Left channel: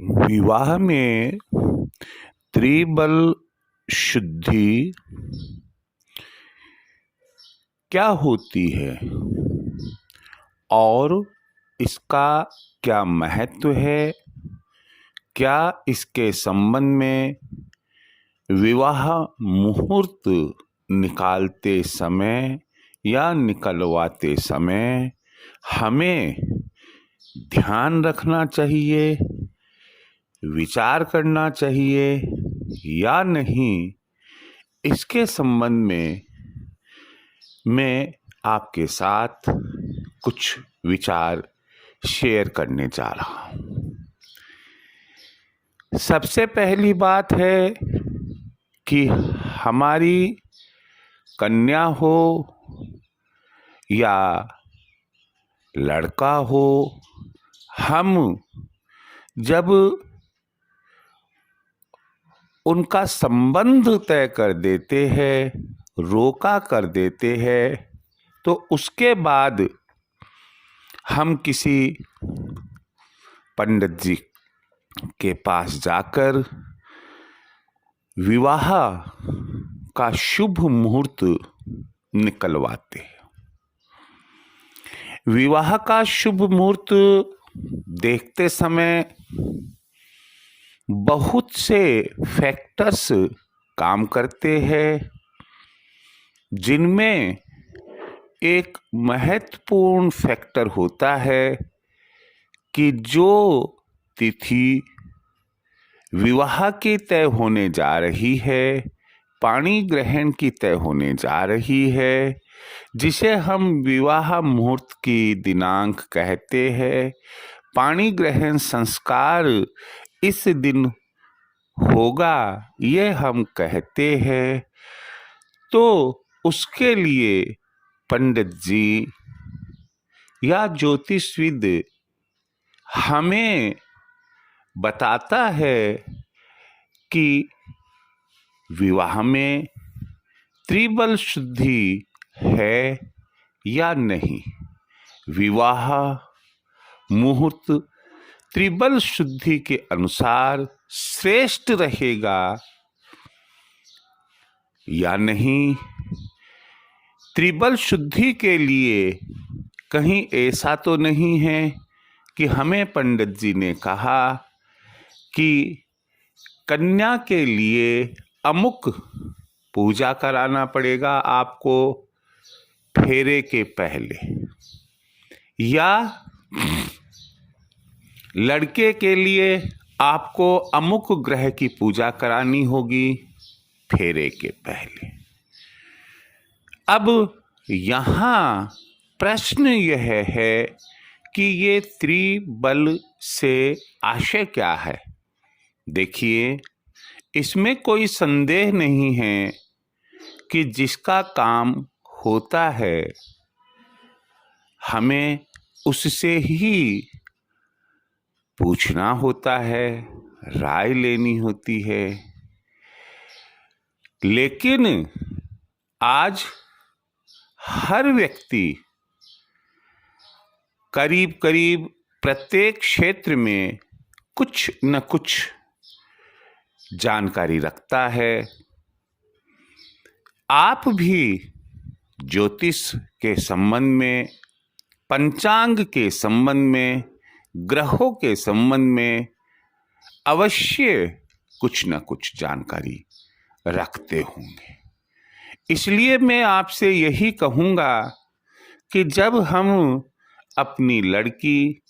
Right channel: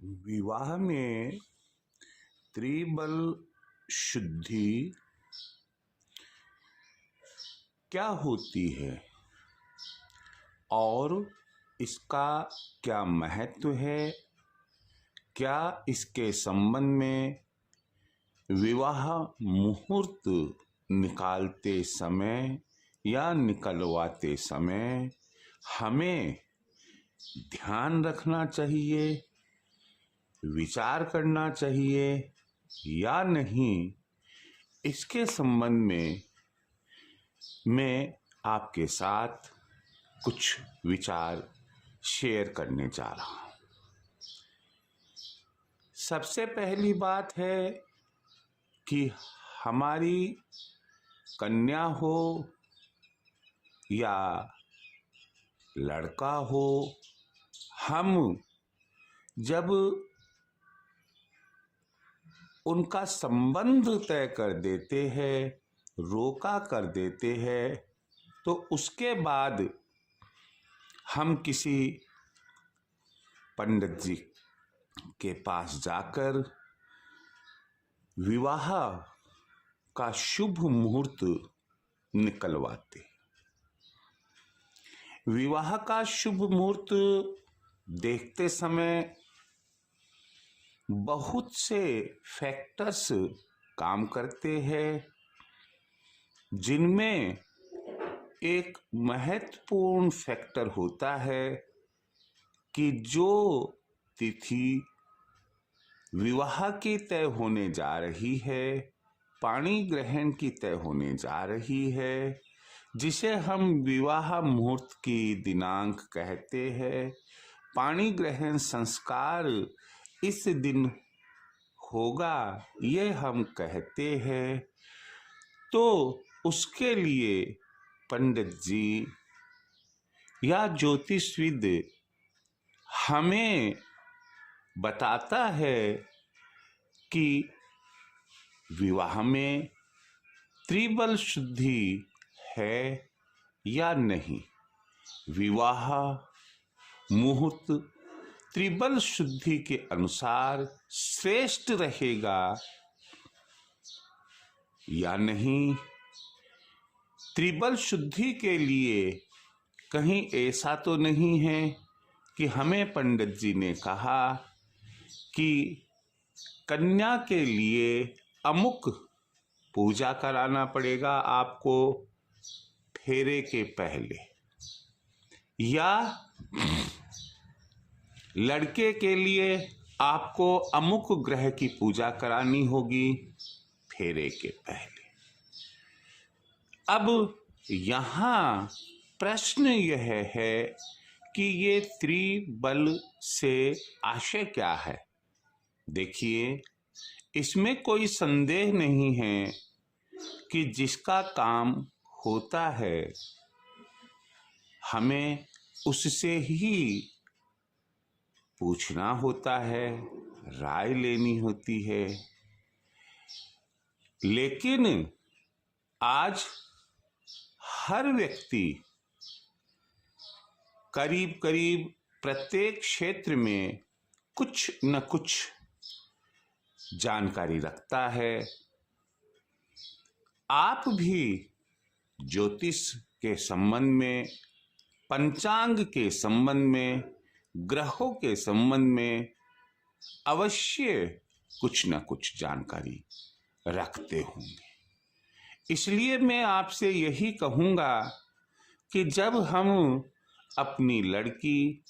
विवाह में त्रिबल शुद्धि क्या होती है और इसका क्या महत्व है? क्या इसके संबंध में विवाह मुहूर्त निकालते समय या निकलवाते समय हमें ध्यान रखना चाहिए, विचार करना चाहिए या नहीं? इसके संबंध में मैं आपके साथ कुछ विचार शेयर करने जा रहा हूँ। सबसे पहली बात है कि हमारी कन्या हो या लड़का हो, हम जब उनका संबंध तय कर देते हैं, रोका कर देते हैं, तो उसके बाद हम किसी पंडित जी के पास जाकर विवाह का शुभ मुहूर्त निकलवाते हैं। विवाह का शुभ मुहूर्त देखते समय बहुत से फैक्टर्स काम करते हैं, जिनमें एक महत्वपूर्ण फैक्टर होता है कि जो तिथि विवाह की तय होने जा रही है, पाणी ग्रहण की तय होने जा रही है, जिसे हम विवाह मुहूर्त की दिनांक कहते हैं, पाणी ग्रहण संस्कार इस दिन होगा, ये हम कहते हैं, तो उसके लिए पंडित जी या ज्योतिषविद हमें बताता है कि विवाह में त्रिबल शुद्धि है या नहीं। विवाह मुहूर्त त्रिबल शुद्धि के अनुसार श्रेष्ठ रहेगा या नहीं। त्रिबल शुद्धि के लिए कहीं ऐसा तो नहीं है कि हमें पंडित जी ने कहा कि कन्या के लिए अमुक पूजा कराना पड़ेगा आपको फेरे के पहले, या लड़के के लिए आपको अमुक ग्रह की पूजा करानी होगी फेरे के पहले। अब यहाँ प्रश्न यह है कि ये त्रिबल से आशय क्या है? देखिए, इसमें कोई संदेह नहीं है कि जिसका काम होता है हमें उससे ही पूछना होता है, राय लेनी होती है। लेकिन आज हर व्यक्ति करीब करीब प्रत्येक क्षेत्र में कुछ न कुछ जानकारी रखता है। आप भी ज्योतिष के संबंध में, पंचांग के संबंध में, ग्रहों के संबंध में अवश्य कुछ न कुछ जानकारी रखते होंगे। इसलिए मैं आपसे यही कहूँगा कि जब हम अपनी लड़की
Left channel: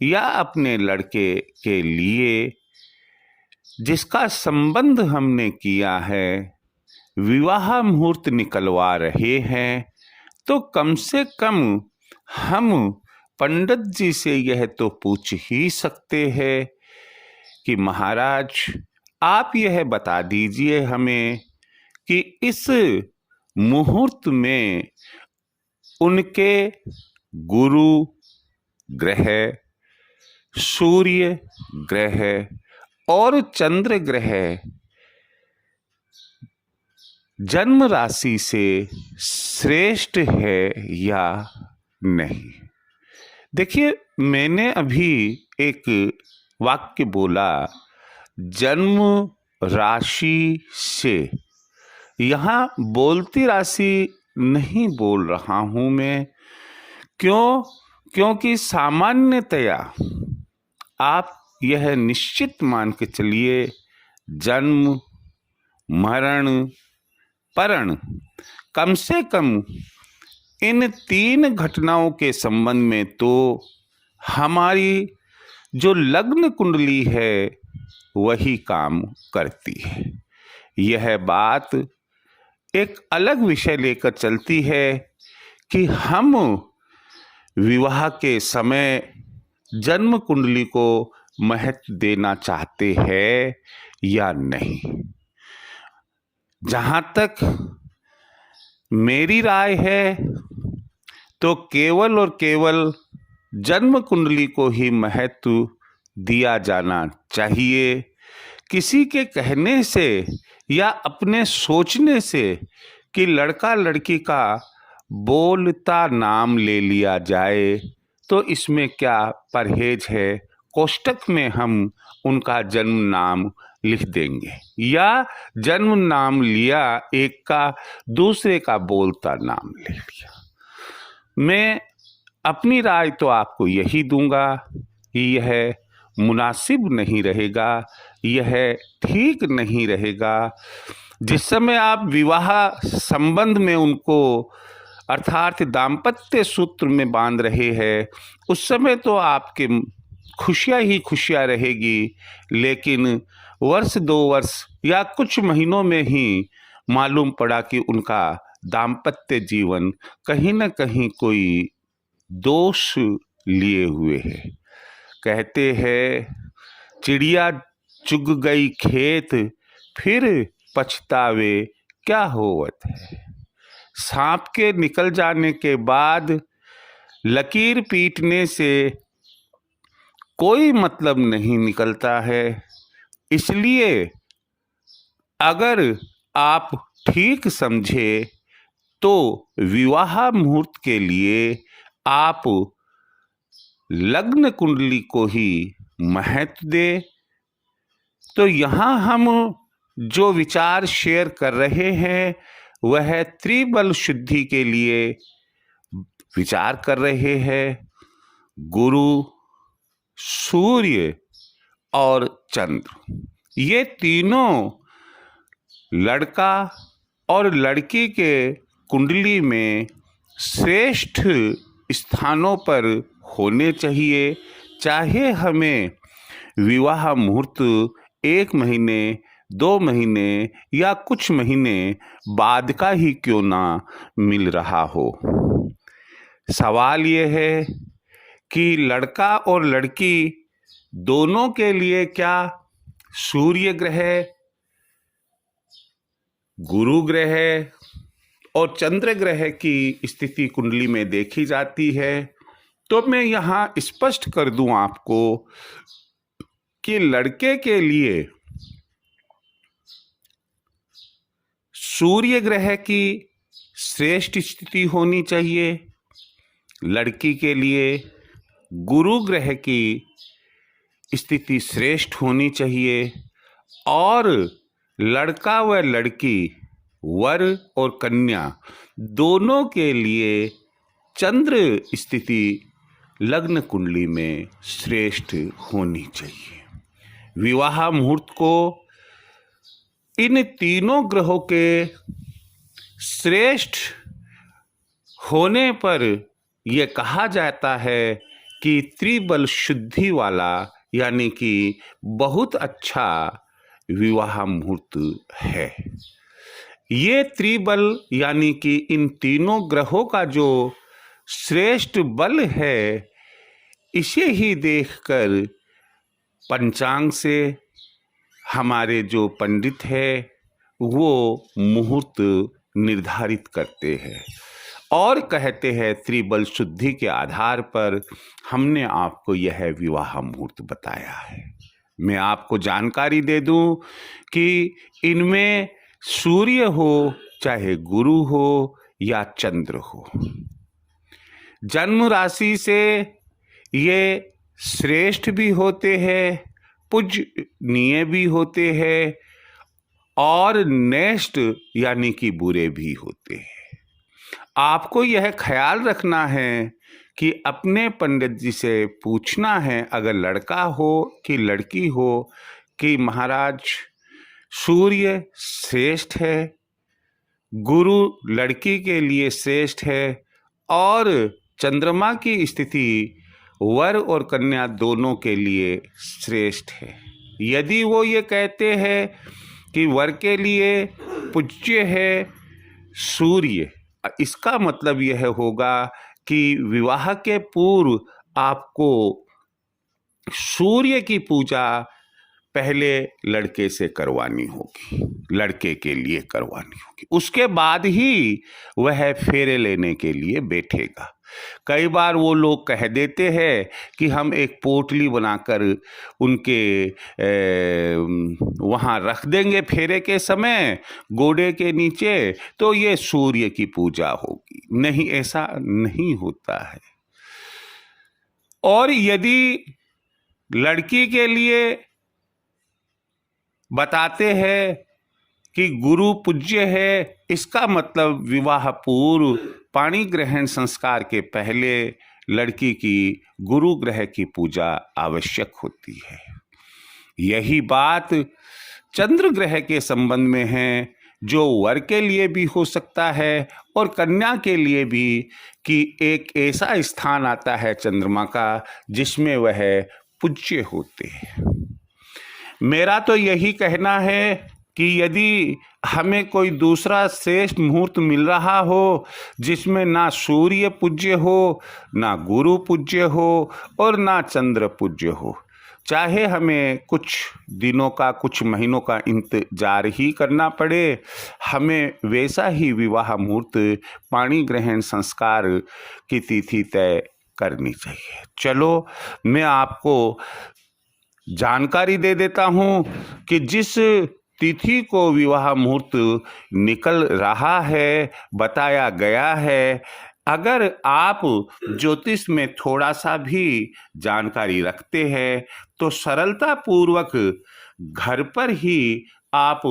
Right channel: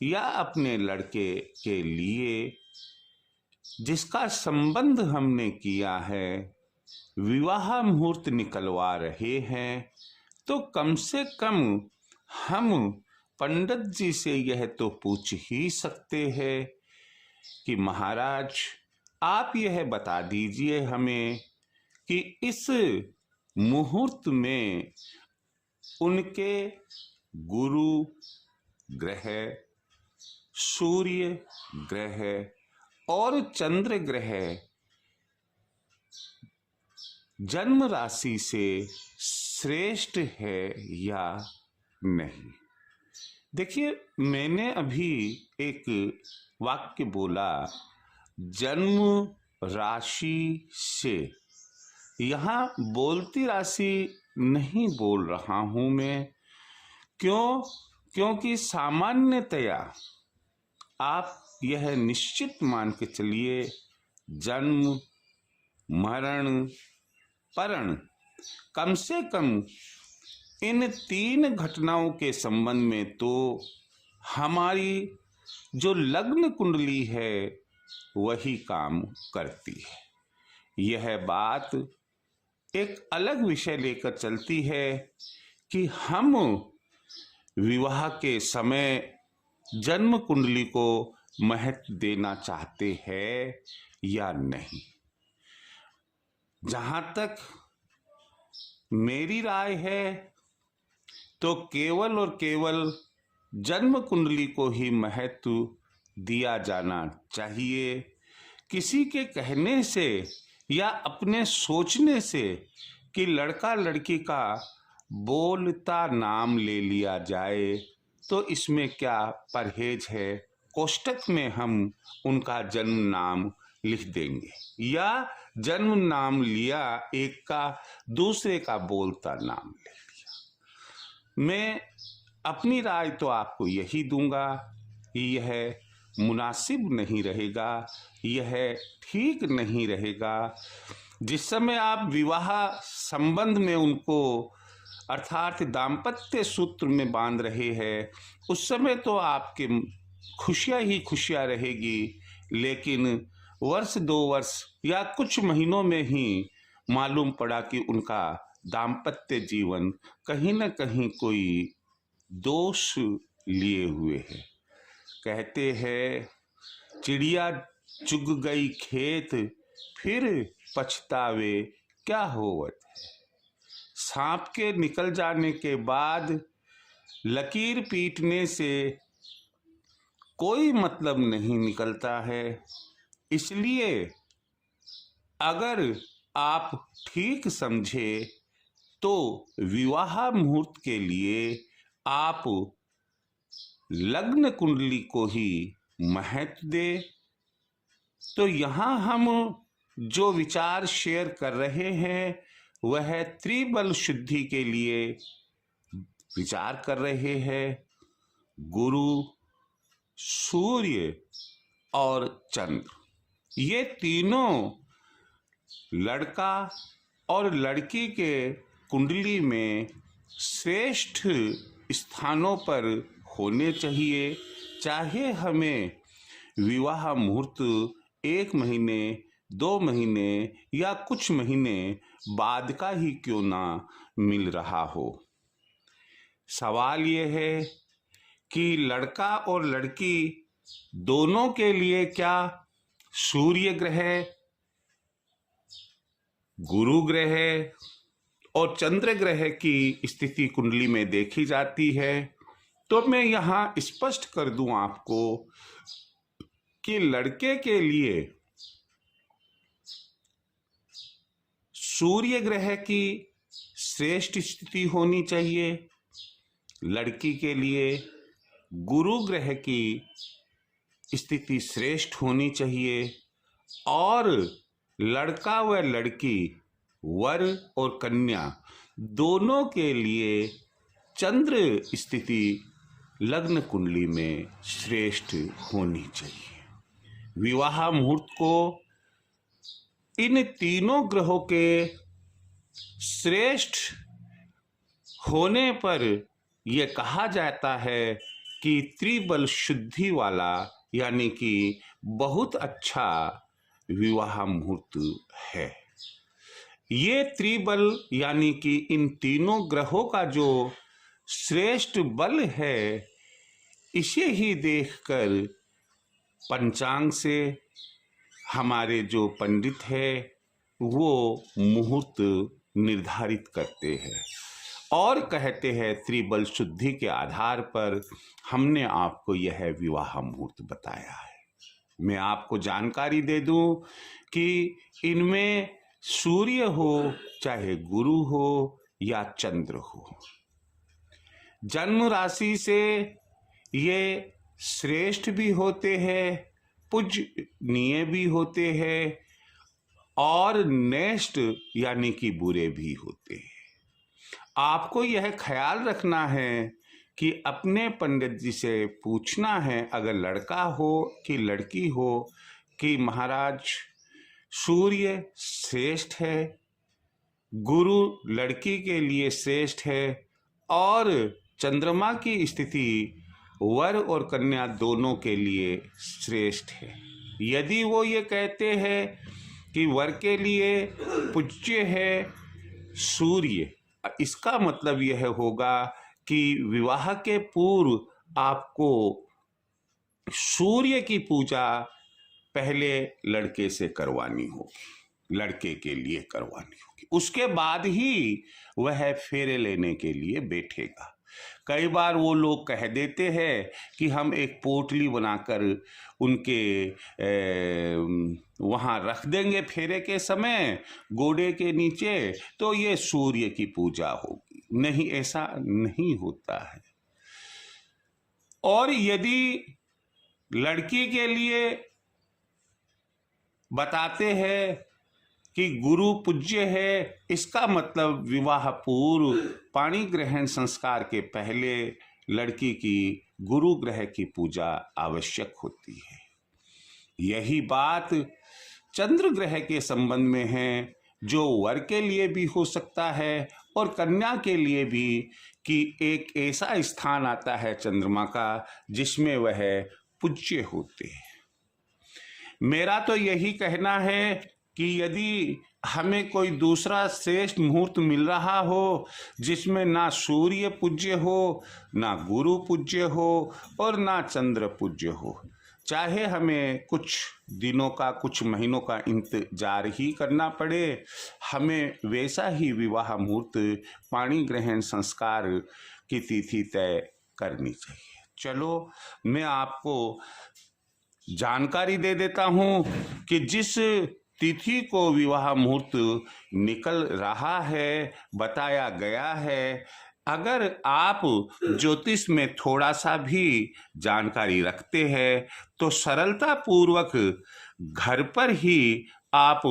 या अपने लड़के के लिए जिसका संबंध हमने किया है विवाह मुहूर्त निकलवा रहे हैं, तो कम से कम हम पंडित जी से यह तो पूछ ही सकते हैं कि महाराज आप यह बता दीजिए हमें कि इस मुहूर्त में उनके गुरु ग्रह, सूर्य ग्रह और चंद्र ग्रह जन्म राशि से श्रेष्ठ है या नहीं। देखिए, मैंने अभी एक वाक्य बोला, जन्म राशि से। यहाँ बोलती राशि नहीं बोल रहा हूं मैं। क्यों? क्योंकि सामान्यतया आप यह निश्चित मान के चलिए, जन्म, मरण, परण, कम से कम इन 3 घटनाओं के संबंध में तो हमारी जो लग्न कुंडली है वही काम करती है। यह बात एक अलग विषय लेकर चलती है कि हम विवाह के समय जन्म कुंडली को महत्व देना चाहते हैं या नहीं। जहां तक मेरी राय है तो केवल और केवल जन्म कुंडली को ही महत्व दिया जाना चाहिए। किसी के कहने से या अपने सोचने से कि लड़का लड़की का बोलता नाम ले लिया जाए तो इसमें क्या परहेज है। कोष्टक में हम उनका जन्म नाम लिख देंगे, या जन्म नाम लिया एक का, दूसरे का बोलता नाम ले लिया। मैं अपनी राय तो आपको यही दूंगा कि यह मुनासिब नहीं रहेगा, यह ठीक नहीं रहेगा। जिस समय आप विवाह संबंध में उनको अर्थात दाम्पत्य सूत्र में बांध रहे हैं, उस समय तो आपके खुशियां ही खुशियां रहेगी, लेकिन वर्ष 2 वर्ष या कुछ महीनों में ही मालूम पड़ा कि उनका दाम्पत्य जीवन कहीं न कहीं कोई दोष लिए हुए है। कहते हैं, चिड़िया चुग गई खेत, फिर पछतावे क्या होवत है। सांप के निकल जाने के बाद लकीर पीटने से कोई मतलब नहीं निकलता है। इसलिए अगर आप ठीक समझे तो विवाह मुहूर्त के लिए आप लग्न कुंडली को ही महत्व दे। तो यहाँ हम जो विचार शेयर कर रहे हैं वह त्रिबल शुद्धि के लिए विचार कर रहे हैं। गुरु, सूर्य और चंद्र, ये तीनों लड़का और लड़की के कुंडली में श्रेष्ठ स्थानों पर होने चाहिए। चाहे हमें विवाह मुहूर्त 1 महीने, 2 महीने या कुछ महीने बाद का ही क्यों ना मिल रहा हो। सवाल ये है कि लड़का और लड़की दोनों के लिए क्या सूर्य ग्रह, गुरु ग्रह और चंद्र ग्रह की स्थिति कुंडली में देखी जाती है। तो मैं यहाँ स्पष्ट कर दूं आपको कि लड़के के लिए सूर्य ग्रह की श्रेष्ठ स्थिति होनी चाहिए, लड़की के लिए गुरु ग्रह की स्थिति श्रेष्ठ होनी चाहिए, और लड़का व लड़की, वर और कन्या दोनों के लिए चंद्र स्थिति लग्न कुंडली में श्रेष्ठ होनी चाहिए। विवाह मुहूर्त को इन तीनों ग्रहों के श्रेष्ठ होने पर यह कहा जाता है कि त्रिबल शुद्धि वाला, यानी कि बहुत अच्छा विवाह मुहूर्त है। ये त्रिबल यानी कि इन तीनों ग्रहों का जो श्रेष्ठ बल है, इसे ही देखकर पंचांग से हमारे जो पंडित है वो मुहूर्त निर्धारित करते हैं और कहते हैं त्रिबल शुद्धि के आधार पर हमने आपको यह विवाह मुहूर्त बताया है। मैं आपको जानकारी दे दूं कि इनमें सूर्य हो चाहे गुरु हो या चंद्र हो, जन्म राशि से ये श्रेष्ठ भी होते हैं, पूजनीय भी होते हैं और नेष्ट यानी कि बुरे भी होते हैं। आपको यह ख्याल रखना है कि अपने पंडित जी से पूछना है, अगर लड़का हो कि लड़की हो, कि महाराज सूर्य श्रेष्ठ है, गुरु लड़की के लिए श्रेष्ठ है और चंद्रमा की स्थिति वर और कन्या दोनों के लिए श्रेष्ठ है। यदि वो ये कहते हैं कि वर के लिए पूज्य है सूर्य, इसका मतलब यह होगा कि विवाह के पूर्व आपको सूर्य की पूजा पहले लड़के से करवानी होगी, लड़के के लिए करवानी होगी, उसके बाद ही वह फेरे लेने के लिए बैठेगा। कई बार वो लोग कह देते हैं कि हम एक पोटली बनाकर उनके वहाँ रख देंगे फेरे के समय गोडे के नीचे, तो ये सूर्य की पूजा होगी। नहीं, ऐसा नहीं होता है। और यदि लड़की के लिए बताते हैं कि गुरु पूज्य है, इसका मतलब विवाह पूर्व पाणी ग्रहण संस्कार के पहले लड़की की गुरु ग्रह की पूजा आवश्यक होती है। यही बात चंद्र ग्रह के संबंध में है, जो वर के लिए भी हो सकता है और कन्या के लिए भी, कि एक ऐसा स्थान आता है चंद्रमा का जिसमें वह पूज्य होते हैं। मेरा तो यही कहना है कि यदि हमें कोई दूसरा श्रेष्ठ मुहूर्त मिल रहा हो जिसमें ना सूर्य पूज्य हो, ना गुरु पूज्य हो और ना चंद्र पूज्य हो, चाहे हमें कुछ दिनों का, कुछ महीनों का इंतजार ही करना पड़े, हमें वैसा ही विवाह मुहूर्त पाणी ग्रहण संस्कार की तिथि तय करनी चाहिए। चलो, मैं आपको जानकारी दे देता हूं कि जिस तिथि को विवाह मुहूर्त निकल रहा है, बताया गया है, अगर आप ज्योतिष में थोड़ा सा भी जानकारी रखते हैं तो सरलता पूर्वक घर पर ही आप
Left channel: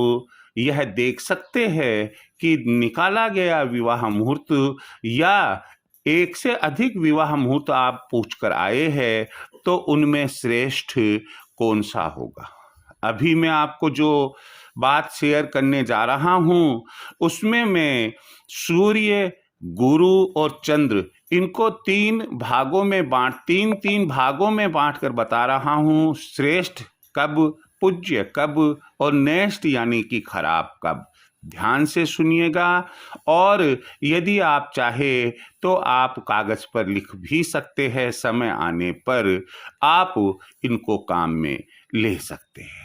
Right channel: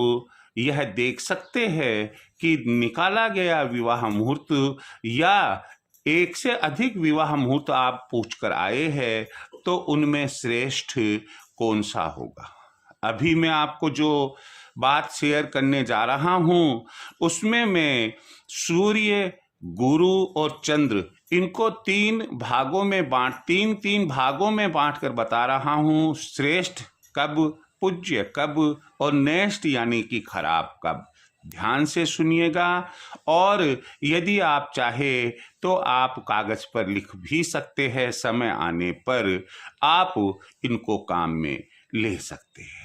यह देख सकते हैं कि निकाला गया विवाह मुहूर्त या एक से अधिक विवाह मुहूर्त आप पूछ कर आए हैं तो उनमें श्रेष्ठ कौन सा होगा। अभी मैं आपको जो बात शेयर करने जा रहा हूं उसमें मैं सूर्य, गुरु और चंद्र, इनको तीन तीन भागों में बांट कर बता रहा हूं। श्रेष्ठ कब, पूज्य कब और नेष्ट यानी कि खराब कब। ध्यान से सुनिएगा और यदि आप चाहे तो आप कागज पर लिख भी सकते हैं, समय आने पर आप इनको काम में ले सकते हैं।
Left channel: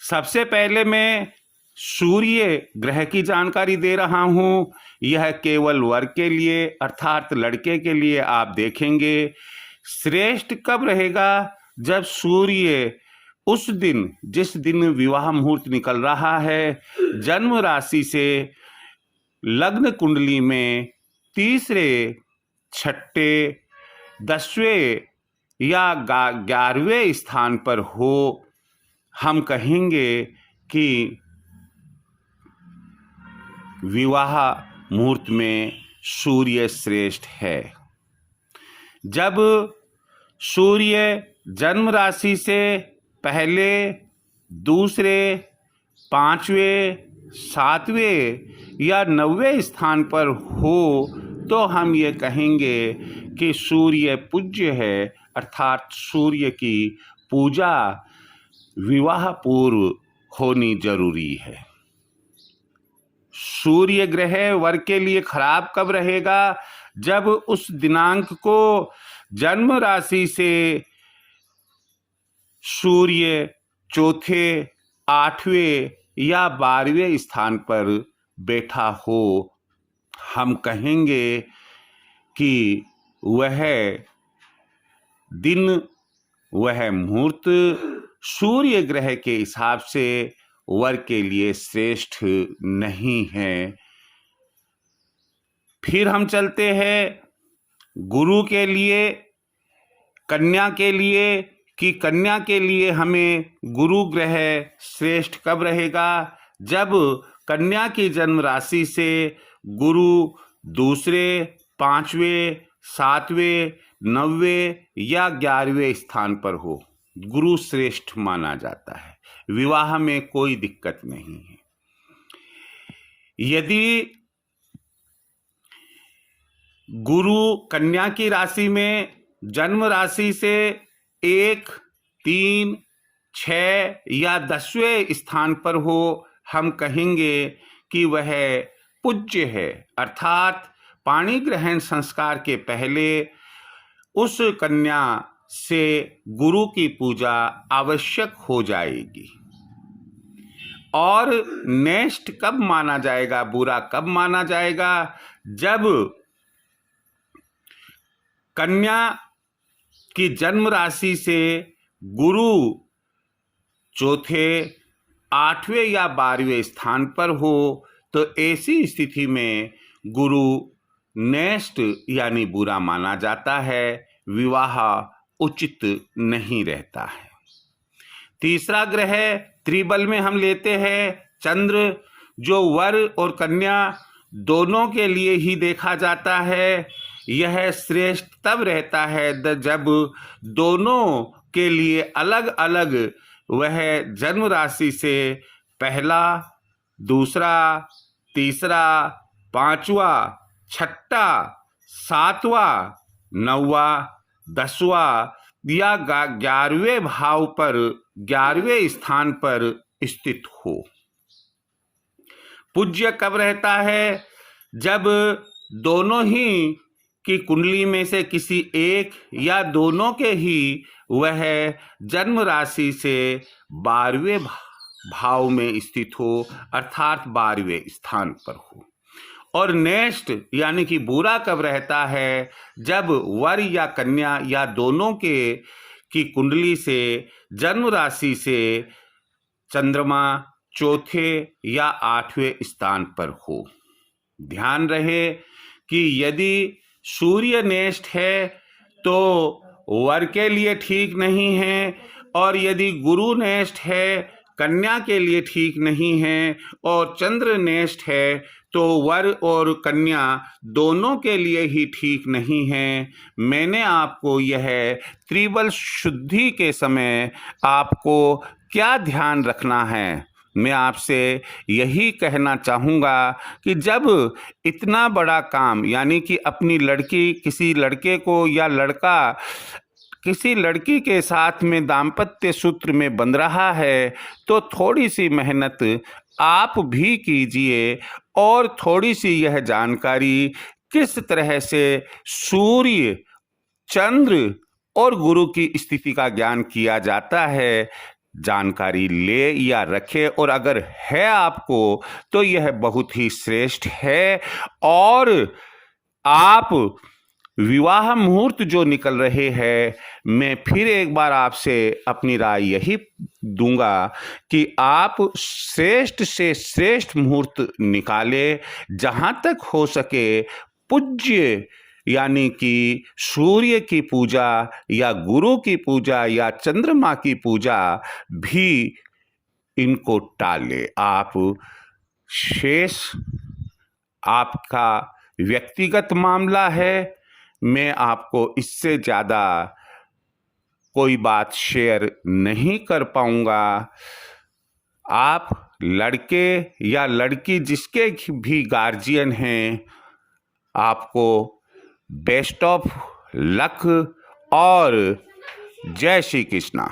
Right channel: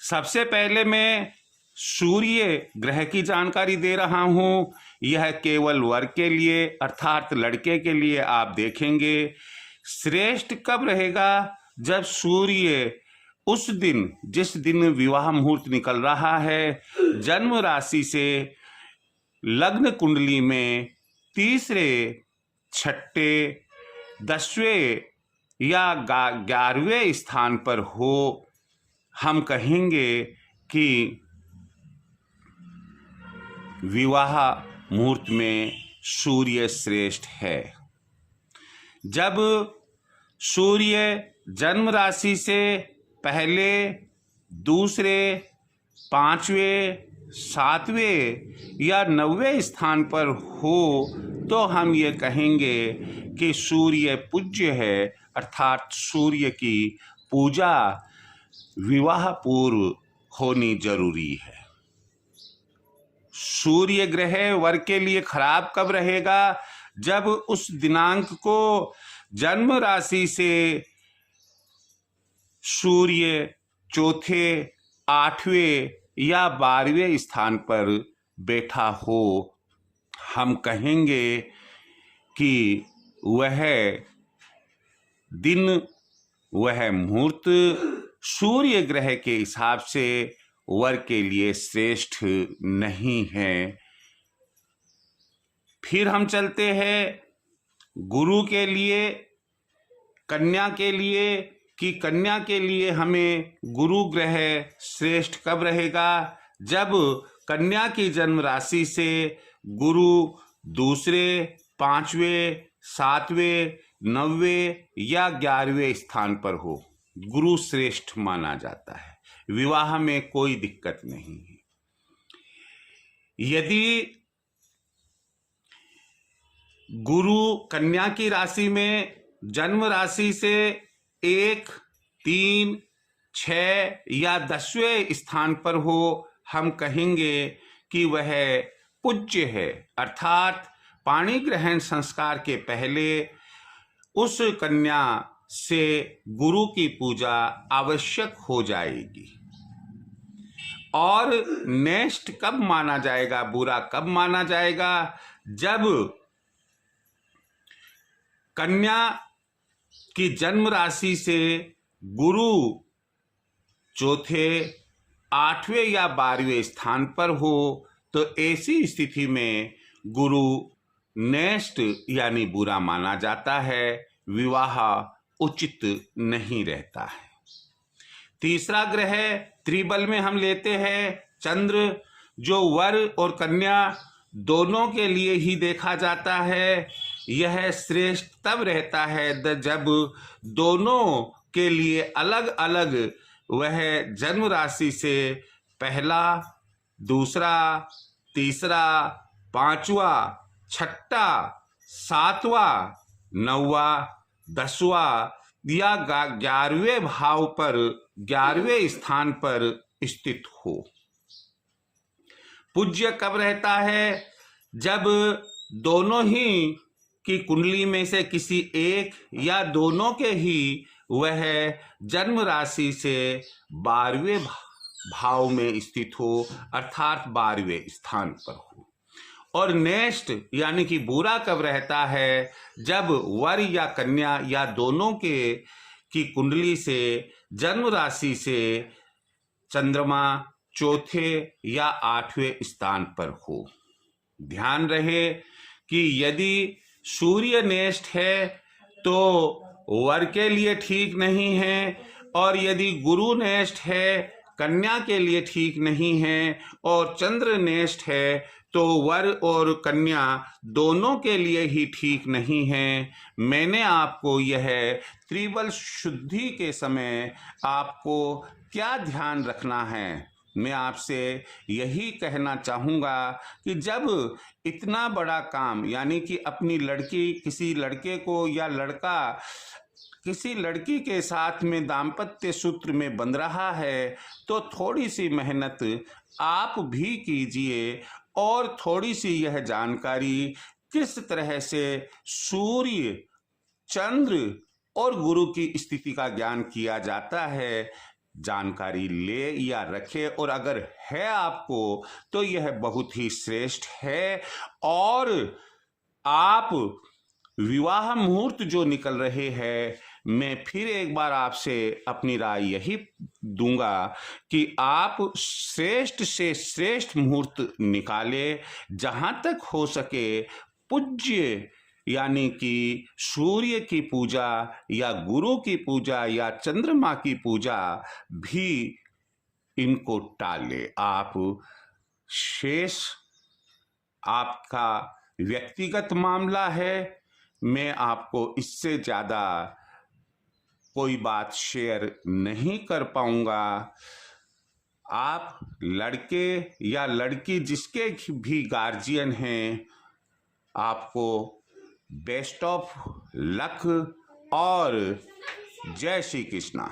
सबसे पहले मैं सूर्य ग्रह की जानकारी दे रहा हूं। यह केवल वर के लिए अर्थात लड़के के लिए आप देखेंगे। श्रेष्ठ कब रहेगा? जब सूर्य उस दिन, जिस दिन विवाह मुहूर्त निकल रहा है, जन्म राशि से लग्न कुंडली में तीसरे, छठे, 10वें या 11वें स्थान पर हो, हम कहेंगे कि विवाह मुहूर्त में सूर्य श्रेष्ठ है। जब सूर्य जन्म राशि से पहले, दूसरे, 5वें, 7वें या 9वें स्थान पर हो तो हम ये कहेंगे कि सूर्य पूज्य है, अर्थात सूर्य की पूजा विवाह पूर्व होनी जरूरी है। सूर्य ग्रह वर के लिए खराब कब रहेगा? जब उस दिनांक को जन्म राशि से सूर्य चौथे, 8वें या 12वें स्थान पर बैठा हो। हम कहेंगे कि वह दिन, वह मुहूर्त सूर्य ग्रह के हिसाब से वर के लिए श्रेष्ठ नहीं है। फिर हम चलते हैं गुरु के लिए। कन्या के लिए कि कन्या के लिए हमें गुरु ग्रह श्रेष्ठ कब रहेगा, जब कन्या की जन्म राशि से गुरु दूसरे, पांचवें, सातवें, 9वें या 11वें स्थान पर हो, गुरु श्रेष्ठ माना जाता है। विवाह में कोई दिक्कत नहीं है। यदि गुरु कन्या की राशि में जन्म राशि से 1, 3, 6 या 10वें स्थान पर हो, हम कहेंगे कि वह पूज्य है, अर्थात पाणी ग्रहण संस्कार के पहले उस कन्या से गुरु की पूजा आवश्यक हो जाएगी। और नेष्ट कब माना जाएगा, बुरा कब माना जाएगा, जब कन्या की जन्म राशि से गुरु चौथे, 8वें या 12वें स्थान पर हो, तो ऐसी स्थिति में गुरु नेष्ट यानी बुरा माना जाता है, विवाह उचित नहीं रहता है। तीसरा ग्रह त्रिबल में हम लेते हैं चंद्र, जो वर और कन्या दोनों के लिए ही देखा जाता है। यह श्रेष्ठ तब रहता है जब दोनों के लिए अलग अलग वह जन्म राशि से पहला, दूसरा, तीसरा, पांचवा, छठा, सातवां, 9वां, 10वां या 11वें भाव पर 11वें स्थान पर स्थित हो। पूज्य कब रहता है, जब दोनों ही की कुंडली में से किसी एक या दोनों के ही वह जन्म राशि से 12वें भाव में स्थित हो, अर्थात 12वें स्थान पर हो। और नेष्ट यानी कि बुरा कब रहता है, जब वर या कन्या या दोनों के की कुंडली से जन्म राशि से चंद्रमा चौथे या 8वें स्थान पर हो। ध्यान रहे कि यदि सूर्य नेष्ट है तो वर के लिए ठीक नहीं है, और यदि गुरु नेष्ट है कन्या के लिए ठीक नहीं है, और चंद्र नेष्ट है तो वर और कन्या दोनों के लिए ही ठीक नहीं है। मैंने आपको यह त्रिबल शुद्धि के समय आपको क्या ध्यान रखना है, मैं आपसे यही कहना चाहूँगा कि जब इतना बड़ा काम यानी कि अपनी लड़की किसी लड़के को या लड़का किसी लड़की के साथ में दाम्पत्य सूत्र में बंध रहा है, तो थोड़ी सी मेहनत आप भी कीजिए और थोड़ी सी यह जानकारी किस तरह से सूर्य, चंद्र और गुरु की स्थिति का ज्ञान किया जाता है, जानकारी ले या रखे। और अगर है आपको तो यह बहुत ही श्रेष्ठ है। और आप विवाह मुहूर्त जो निकल रहे हैं, मैं फिर एक बार आपसे अपनी राय यही दूंगा कि आप श्रेष्ठ से श्रेष्ठ मुहूर्त निकालें, जहां तक हो सके पूज्य यानी कि सूर्य की पूजा या गुरु की पूजा या चंद्रमा की पूजा भी इनको टाले। आप शेष आपका व्यक्तिगत मामला है, मैं आपको इससे ज़्यादा कोई बात शेयर नहीं कर पाऊंगा। आप लड़के या लड़की जिसके भी गार्जियन हैं, आपको बेस्ट ऑफ लक और जय श्री कृष्णा।